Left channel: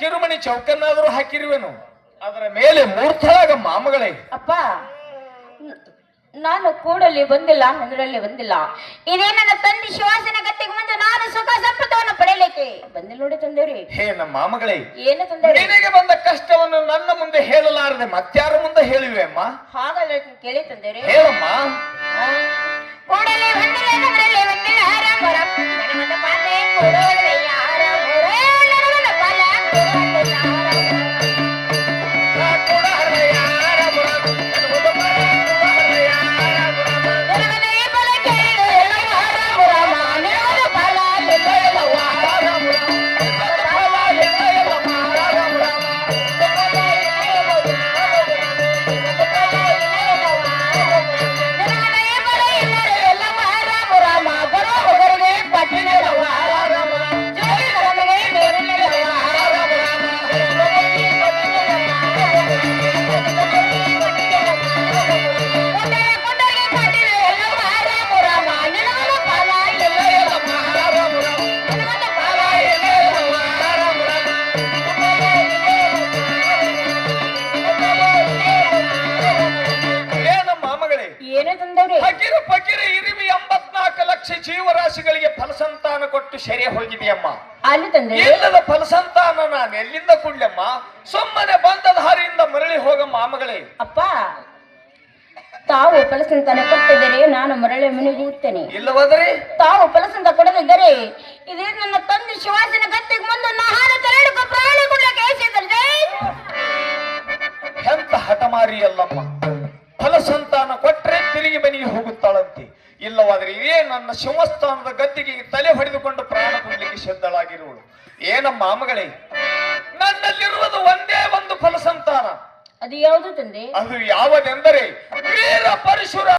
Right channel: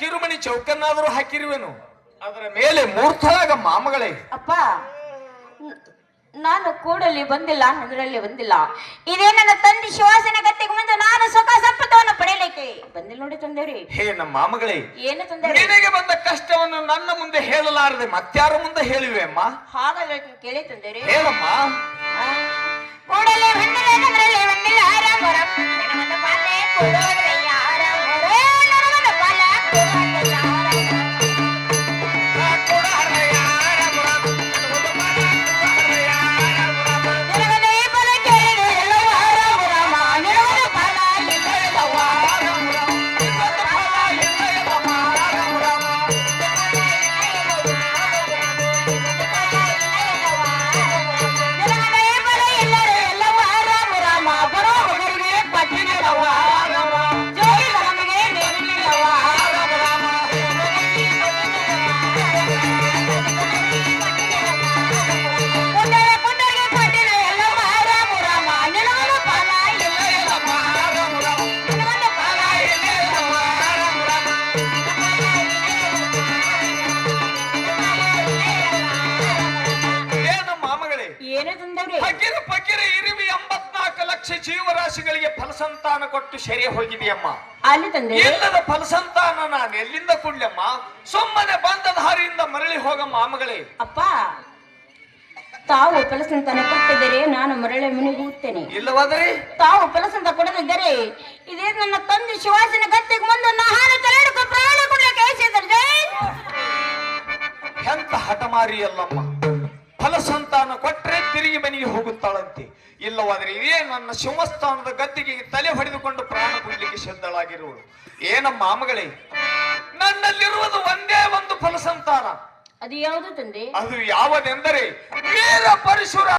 ಕಿರುಮಣಿ ಚೌಕನ್ನಾದರೂ ಹಾಕಿರುವೆನು, ಅದರ ಮೇಲೆ ಮೂರ್ತಳಾಗ ಮಾಮಗಳೇ. ಅಪ್ಪ, ನಾನು ಕೂಡಲಿ ಬಂದಿಲ್ಲ, ನನ್ನರಲ್ಲಿ ಬಂದಿಲ್ಲ. ಇದೇ ನನ್ನ ತಂದೆ ಶಿವಾಸನ ಗತ್ತಿಗೆ ಮುಂದೆ ನಾನು ಸುಖ ಸಂಪತ್ತವನ್ನು ಪಡೆಯಲಿಕ್ಕೆ ಬಂದಿಲ್ಲ ನೋಡಿ ತಂದೇವ್ರಿ. ಹೇ ನಮ್ಮ ಮಾಮಗಳೇ, ಏನು ತಂದೇವ್ರಿ? ನಿನಗೆ ಬಂದ ಕಷ್ಟವನ್ನು ನನ್ನ ಮುಂದೆ ಹೇಳಲಾರದೆ ಮತ್ಯಾರ ಮುಂದೆ ಹೇಳಿವೆ ಅಮ್ಮ? ಹಾಗಲ್ಲ, ಕೇಳಿ ತಂದೇವ್ರಿ. ಹೇಳಮ್ಮ. ಕೂಡಲೇ ಬಂದಿಲ್ಲ, ನನ್ನರಲ್ಲಿ ಬಂದಿಲ್ಲ, ರಾಮ ರಾಮ ನನಗೊಂದು ಪಾಲೆ ಕೊಡೋದಯ್ಯ, ರಾಮ ರಾಮ ನನಗೊಂದು ಪಾಲ ಕೊಡೋದಯ್ಯ. ಜೀವರಾಶಿಗಳಿಗೆ ಫಲಸಂತಾನ ಕೊಟ್ಟು ಸೆರೆ ಹೋಗಿದೆಯಮ್ಮ. ಇಲ್ಲದ ಫಲಸಂತಾನ ನಾನು ಎಲ್ಲಿಂದ ಕೊಡ್ಲಮ್ಮ? ಸುಮ್ಮನೆ ಬಂದ ದಾರಿಯಿಂದ ಮರಳಿ ಹೋಗಮ್ಮ ಮಾಮಗಳೇ. ಅಪ್ಪ, ತಾವು ಫಲಸಂತಾನ ಕೊಟ್ಟಿದ್ದರೆ ನಾನು ಮರಳಿ ಮನೆಗೂತ್ತೇನೆ. ಇಲ್ಲವಾದರೆ ತಾವು ಫಲಸಂತ ಕೊಡದಿದ್ದರೆ ಇದೇ ನನ್ನ ತಂದೆ ಶಿವಾಸನ ಗತ್ತಿಗೆ ಮುಂದೆ ನಾನು ತೆರಳಿಕೊಂಡು ಪ್ರಾಣ ಕೊಡಲಿಕ್ಕೆ ಹೇಳಿದ್ದಾರೆ. ಎಂತ ಹಠಮಾರಿ ಅಲ್ಲಮ್ಮ. ಫಲಸಂತಾನ ಕೊಟ್ರೆ ತಿರುಗಿ ಮನೆಗೆ ಹೋಗುತ್ತಾಳಂತೆ. ಇಲ್ಲವಾದರೆ ಇದೇ ನನ್ನ ಶಿವಸ್ಥಾನದ ಗದ್ದಿಗೆ ತಲೆ ಹೊಡೆದುಕೊಂಡು ಪ್ರಾಣ ಕೊಡ್ಲಿಕ್ಕೆ ಸಿದ್ಧಳಾಗಿರುವಳು. ಏನಮ್ಮ ಮಾಮಗಳೇ, ನನ್ನಲ್ಲಿರುವುದು ಒಂದೇ ಒಂದು ಫಲಸಂತಾನ. ಅದು ಯಾವುದು ತಂದೆ? ಅದು ಯಾವುದೆಂದರೆ ವೀರ ಪರಶುರಾಮ.